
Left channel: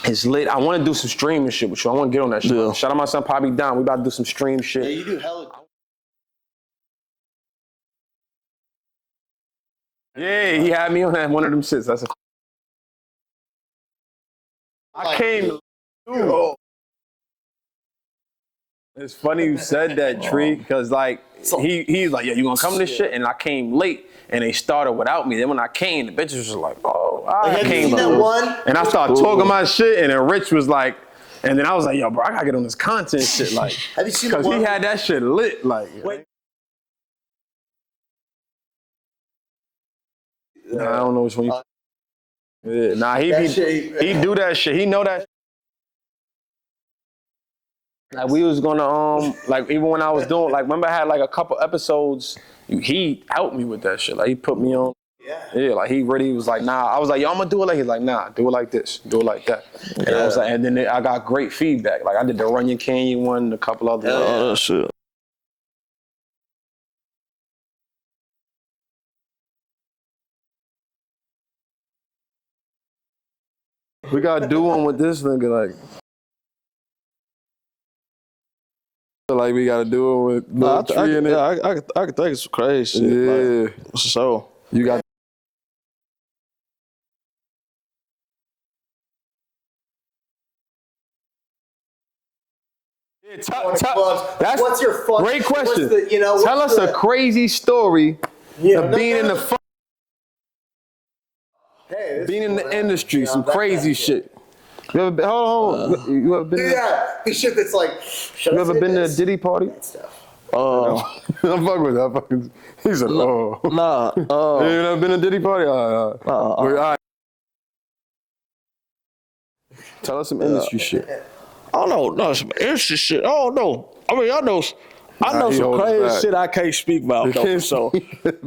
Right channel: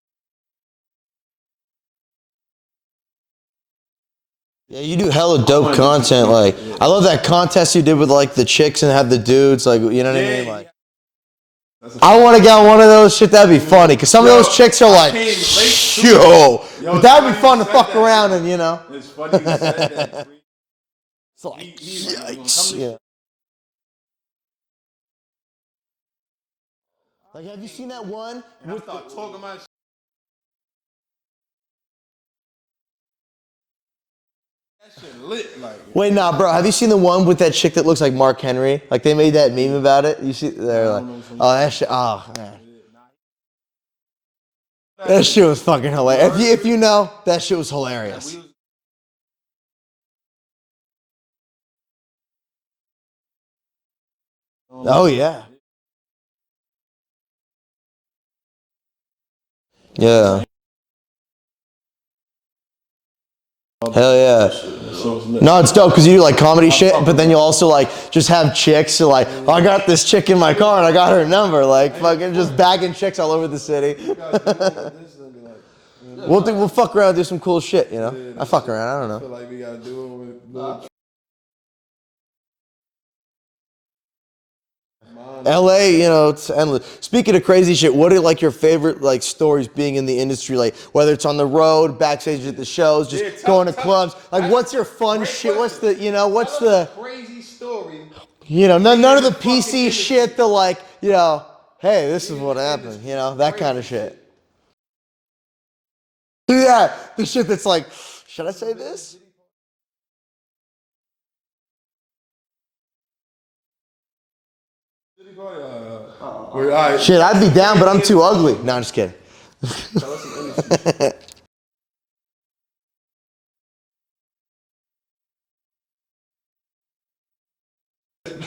It's lit. I want to do some streaming shit with you. I want to get on that shit. Yeah. Shout out my son Poppy Don. We about to do some stream shit. You do hella dope content. Like, I love that contest you did with like the chicks and had the dudes. Like, you know what I mean? Yeah, he had me on that one of them shits. I want to get on one of those shit. That'd be funny. Cause some of those chicks are like, yo. But that'd be fun to fuck around and, you know. It's funny you said that, Tree, because like he's like, yeah, you gonna come to this shit? And I came late. And they started without me. Then when I came, the bitches was like, oh, I came. And I started talking my shit, and then Rich was like, and then I was like, yo, bro, I gotta get on this content shit, like, have you seen the because one? he had that shit lit, like. Wait, nah, bro. Have you seen the one with that chick that looks like Mark Henry? Like they made that meme about it. You see? Yeah, I don't know which one. Oh, that shit. Oh, man. Yeah, nah, he do that shit. He know that. That shit was fucking hilarious. If you know, that shit was hilarious. Like, we was gonna like even when I was doing like remember I had like a couple episodes. He helped me with that shit. Like he put me on. Oh yeah. Yeah, like he really was like, nah. I was like, yo, I'm gonna do it like he's like, nah, do it like this, do it like that. Yeah. And then I got great feedback. Like I did the Runyon Canyon one, a couple of Hell yeah. shit. No, it's dope because you do like comedy shit, but then you also like just have chicks. So like, oh, I got this chick in my car and I got her number. Like fucking just bagging chicks all over the city. We gotta do one with this nigga, like. We'll fuck around and do some cool shit, you know? I fuck around, I don't know. I feel like we gotta do it with Lil Tree in it. I could think of some crazy shit. Yeah. Like, for sure. You got. LA, you know, it's endless. Speaking of crazy shit, what are like your favorite like stories being in the industry? Like whether it's on the road, backstage at the shows, just going to clubs. Like what's your fun Great shit? What's question. the, you know, what's Tell us a crazy story. you know, none of the being in PC shit, the like, you know, hey, this is Being what in the happened, industry, you know, some that kind of crazy shit. You ever been? Hold on. You ever been? Yeah, the shit that's like, You ever been to a Diddy party? I'm fucking with that. He said, oh. Nah. You never been to a Diddy party? shit, I'd be down, but I'm too ugly. No, I'm just kidding. Tell us some industry shit. I don't know. No, some interesting shit. I don't know. I mean, I know he some holds crazy back. shit I can't speak about though. So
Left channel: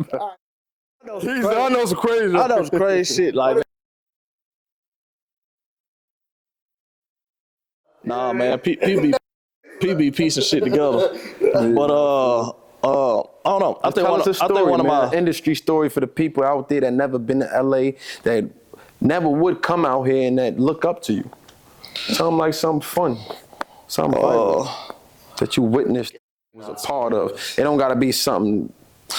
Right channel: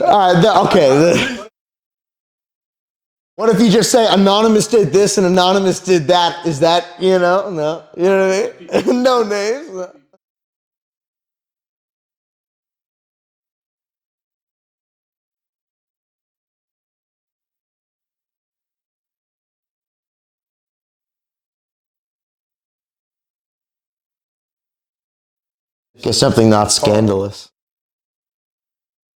All right, okay. I know some crazy. I know some crazy shit. What Like, if you just say anonymous did this and anonymous did that? Is that, you know, no? You know what I man, mean? No names. PB piecing shit together. But I don't know. I think one of my industry story for the people out there that never been to LA, that never would come out here and that look up to you. Something like something fun, something violent that you witnessed. It's something not scandalous. It don't gotta be something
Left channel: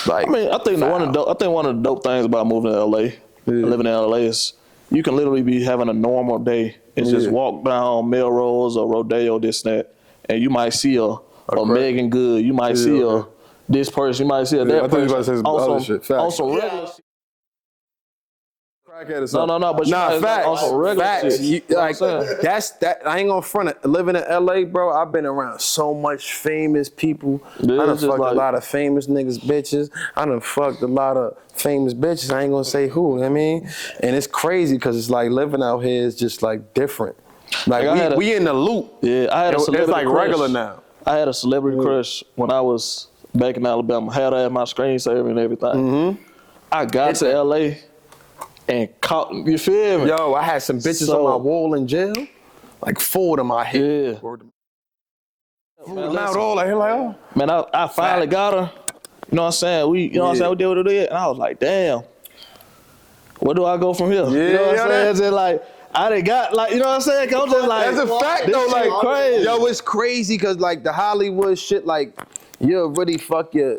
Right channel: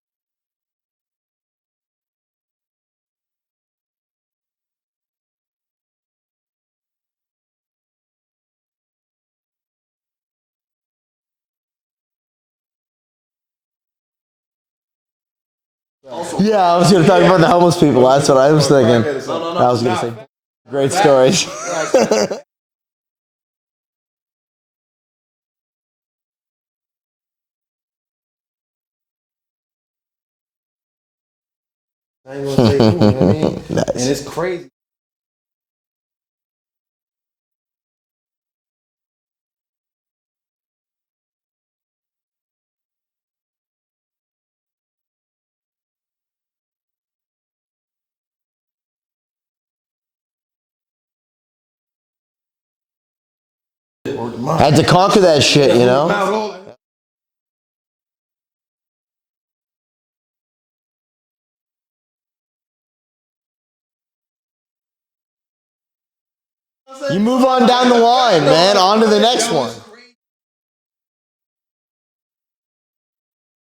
like. I mean, I think one of the dope things about moving to LA, and living in LA is you can literally be having a normal day and just walk down Melrose or Rodeo, this and that, and you might see a Megan Good, you might see this person, you might see that I thought you were about to say some other shit. Facts. Yeah, I was going to talk about the homeless people. That's what I was thinking. That was a great story. That. I ain't gonna front it. Living in LA, bro, I've been around so much famous people. Yeah, I done fucked a lot of famous niggas, bitches. I done fucked a lot of famous bitches. I ain't gonna say who, you know what I mean? And it's crazy because it's like living out here is just like different. Like we in the loop. Yeah, I had a celebrity It's like crush. regular now. I had a celebrity crush when I was back in Alabama. Had her at my screensaver and everything. I got to LA and caught, you feel me? Yo, I had some bitches on my wall in jail. Like 4 of them I hit. Had to conquer that shit, you know? Man, I finally got her. You know what I'm saying? We did what we did. And I was like, damn, where do I go from here? You know what I'm saying? It's just like, I done got, like, you know what I'm saying? You move on down the line, man, on to the next one. It's crazy because, like, the Hollywood shit, like, you'll really fuck your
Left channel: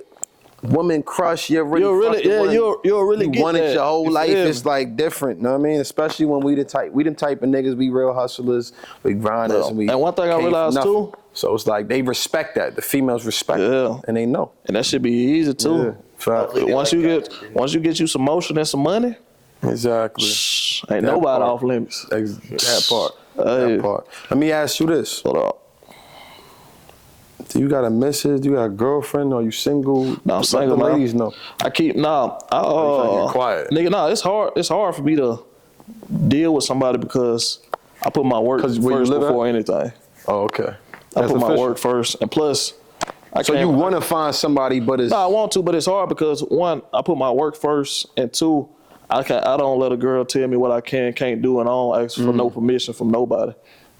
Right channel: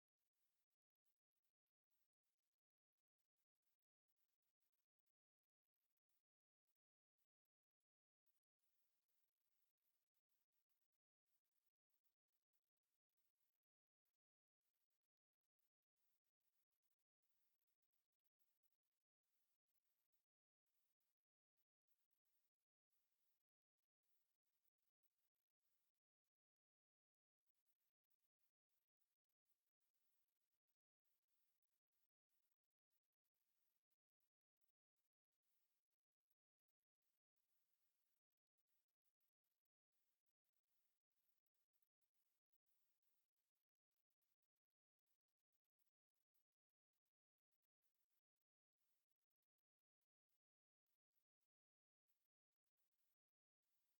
woman crush. You'll really get want it that. your whole You life. feel me? It's, like, different, you know what I mean? Especially when we the type of niggas, we real hustlers, we grinders. And one thing I realized, too. So it's like, they respect that. The females respect it, and they know. And that should be easy, too. Yeah. Once you get you some motion and some money, Exactly. ain't nobody off limits. That part. That part. Let me ask you this. Hold up. Do you got a missus? Do you got a girlfriend? Are you single? No, I'm single, Let the man. ladies know. I keep quiet. Nigga, no, it's hard for me to deal with somebody because I put my work 'Cause where you first live at? before anything. Oh, okay. I That's put my official. work first, and plus, So you want to find somebody, but it's No, I want to, but it's hard because one, I put my work first, and two, I don't let a girl tell me what I can't do, and I don't ask for no permission from nobody.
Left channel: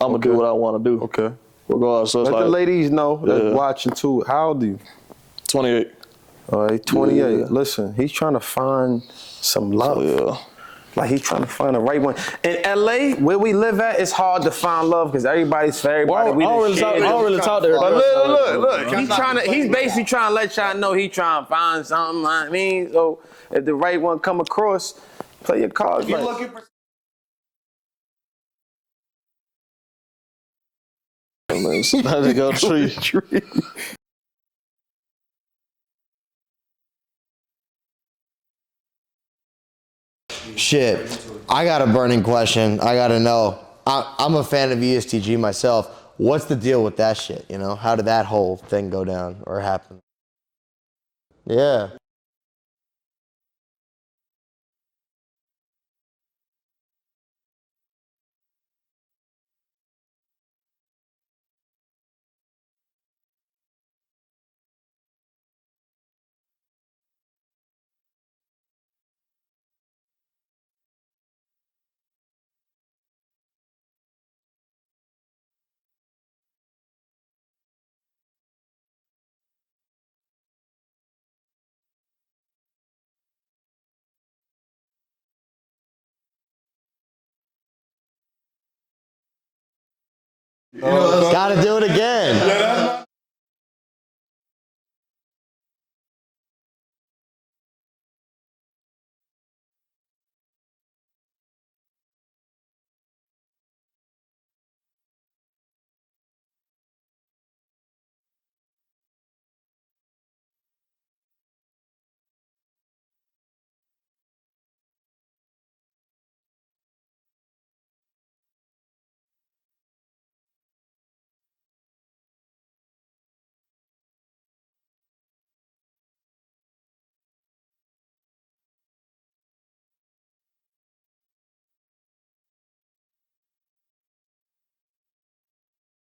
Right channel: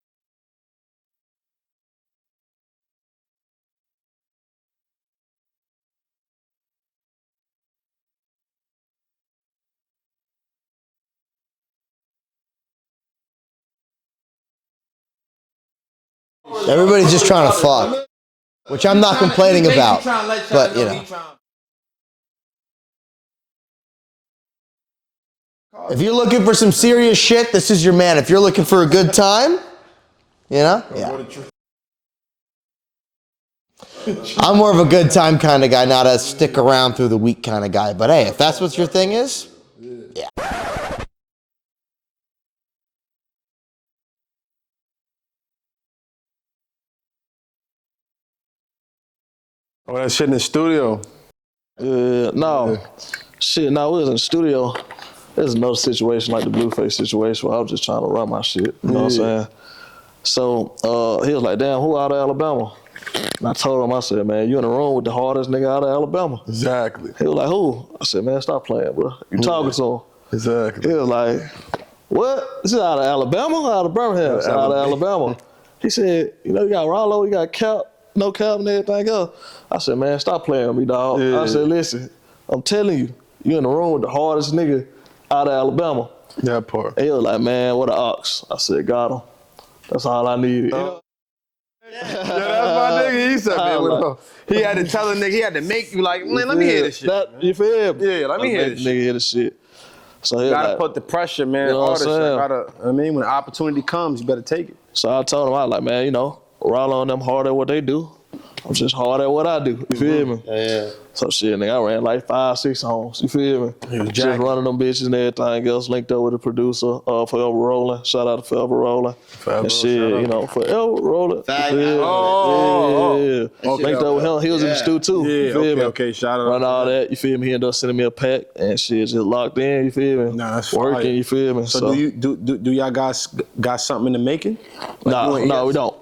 I'm gonna do what I want to do. okay. Regardless, so it's Let the like ladies know that's watching too. How old are you? 28. All right, 28. Yeah. Listen, he's trying to find some love. Yeah. Like he's trying to find the right one. In LA, where we live at, it's hard to find love because everybody's for everybody. Everybody's just trying to fuck. Look. Which I'm not complaining about. He's trying to let y'all know he's trying to find something. I mean, so if the right one come across, play your cards. If you're looking for some serious shit, this is your man. If you're looking for a good time, you know? Yeah. Go tree. I'm more of a good time kind of guy, not a stick around through the week kind of guy. But hey, if that's what your thing is, yeah. Shit. I got a burning question. I got to know. I'm a fan of ESTG myself. What's the deal with that shit, you know? How did that whole thing go down or happen? Oh, that shit in the studio. Yeah. No. Shit, no, we was in the studio. There's another situation like the Blueface situation where I was just trying to run my shit. You know what I'm saying? So he was like, damn, who out of Alabama? And I told him, I said, man, you in the room with the hardest nigga out of Alabama. Exactly. He was like, who? I said, man, stop playing, bro. You talking to him. Exactly. He was like, what? This is out of Alabama or out of Birmingham? It's out of Alabama. He said, you know, you got Rollo, you got Cap, no Cap and everything else. I said, man, stop playing with me, dog. I said, listen, I'm telling you, you in the room with the hardest nigga out of Alabama. That part. And he was like, man, what an ox. I said, got him. That's all I needed. Gotta do it again. Nigga, he said, man, he had to tell a nigga, he had to make you like, man, let me hear this shit. You feel me? Yeah, let me hear this shit. Nigga hear this shit. So he Gotta like, put the pressure, man. You know what I'm Artists, I mean, when the opportunity comes, you better take it. So I told him, I was like, man, you know, Rollo and them hard at what they do. I'm just hard at what I do. You feel me? Yeah. So shit, nigga, I ran like 5-6 songs. You feel me? Just running them bitches and everything else. Linked up with the producer, Forever Rolling. Shout out to Forever Rolling. And shit, you know, Forever Rolling. Yeah. Linked up with him. He was in the studio too. Yeah, you feel me? okay, shout out. Run all that. You feel me? He ended up sending me a pack and shit, just locked in. You feel me? Nah, that's working. fire. You feel me? So do y'all guys got something in the making? Like No, we don't.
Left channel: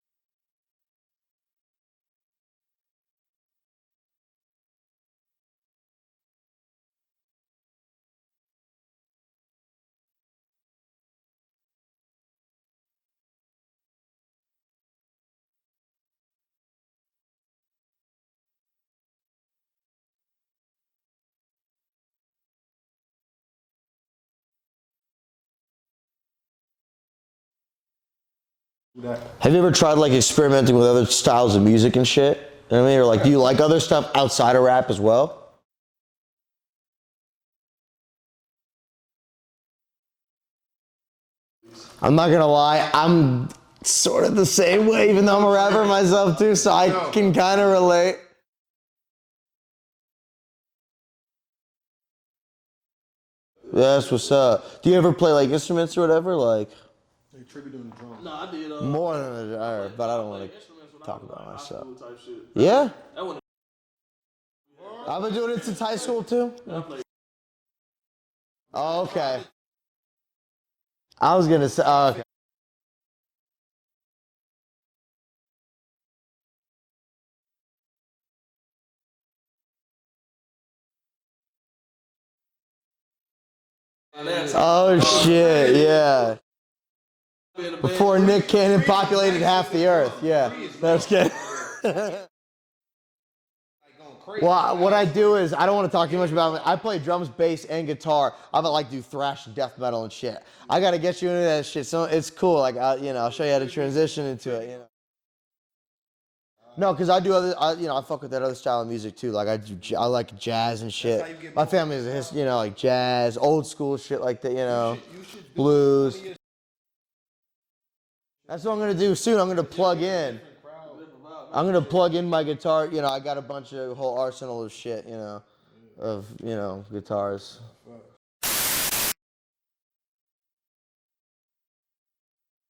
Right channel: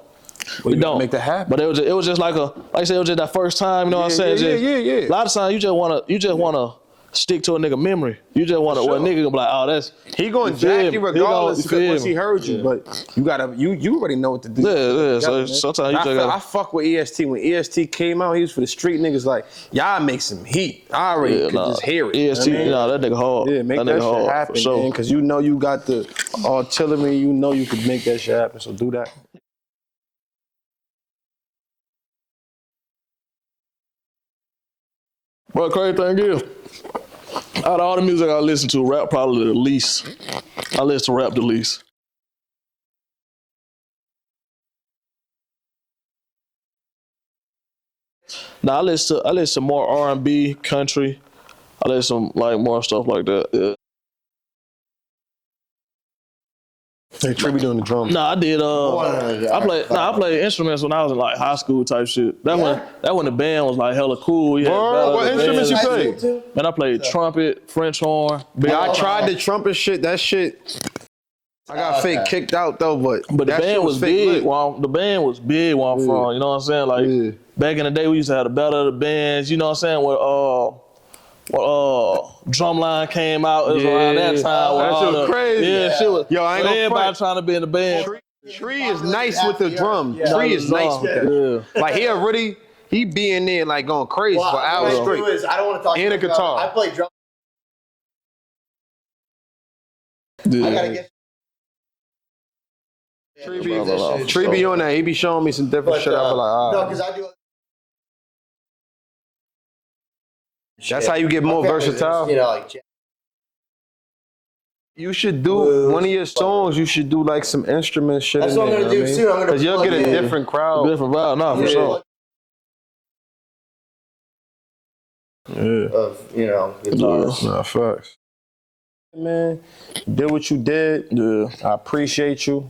We don't make that happen. But it was just like I said, it was just that first time. You know what I'm saying? Yeah. A lot of times you just wanna stick to a nigga memory. You just wanna, well, a nigga gonna be like, oh, that's. He gonna jack you regardless once he heard you, but you gotta, you already know what to do. Yeah. So sometimes you just gotta. I fuck with EST. When EST came out, he was for the street niggas like, y'all make some heat. I already could just hear it. EST, that nigga hard. Yeah, make that shit happen, man, because you know you got the artillery, you know you could make that shit happen, so do that. Have you ever tried like experimenting with other styles of music and shit? You know what I mean? Or like, do you like other stuff outside of rap as well? Well, crazy thing is, out of all the music I listen to, rap probably the least. I listen to rap the least. I'm not gonna lie, I'm sort of the same way, even though I'm a rapper myself too, so I can kind of relate. Nah, I listen to more R&B, country. I listen to like more stuff like that. Yeah. That's what's up. Do you ever play like instruments or whatever? Like, Hey, Tree be doing the drums. Nah, I did. I played instruments when I was in like high school type shit. That when the band was like hella cool. What instruments you played? Man, I played trumpet, French horn. I tried the trumpet shit. That shit. I was gonna say. Fake kicked out though, but the band was big. The band was big where I'm from. You know what I'm saying? Like back in the day, we used to have the battle of the bands. You know what I'm saying? Where Drumline came out, it was around that time. Shit. Yo, I ain't gonna everybody front. trying to be in the band. Before Nick Cannon popped Nice with the drum. Tree is nice. Yeah. He be in there like going crazy. What I do is I don't want to And play a guitar. I play drums, bass, and guitar. I'm gonna like do thrash, death metal, and shit. I gotta get you into that shit. So it's cool. Like I'll show you how to do this. Tree be on that. He be showing me some different shit. I be like, all right. No, because I do other. I fuck with that other style of music too. Like I like jazz and shit. That's how you get more versatile. You know, like jazz, old school shit like that. You know. You should do one of your songs. You should do like some instrument shit. That's in what there, I'm gonna do too. Because you'll get a different crowd. Different vibe, no, I'm for gonna sure. plug in my guitar. I got a bunch of whole arsenal of shit. Nah, facts. Man, you did what you did. Yeah. I appreciate you.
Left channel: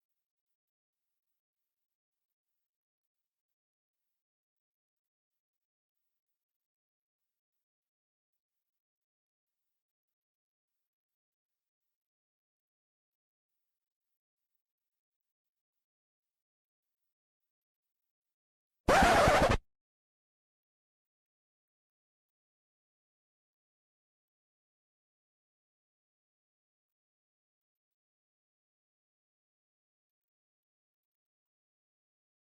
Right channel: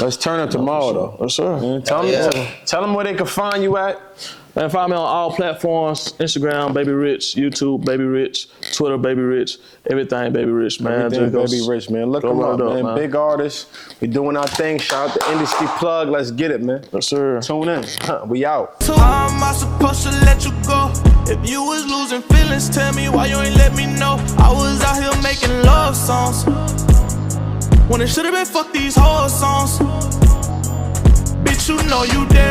Let's turn up tomorrow though. Yes, sir. Tell them where they can find you at. Man, find me on all platforms: Instagram, Baby Rich; YouTube, Baby Rich; Twitter, Baby Rich; everything, Baby Rich, man. Everything Just Baby Rich, man. Look go them run up, it up, man. man. Big artists. We doing our thing. Shout out to Industry Plug. Let's get it, man. Yes, sir. Tune in. We out. How am I supposed to let you go? If you was losing feelings, tell me why you ain't let me know. I was out here making love songs when it should've been fuck these whole songs. Bitch, you know you dead.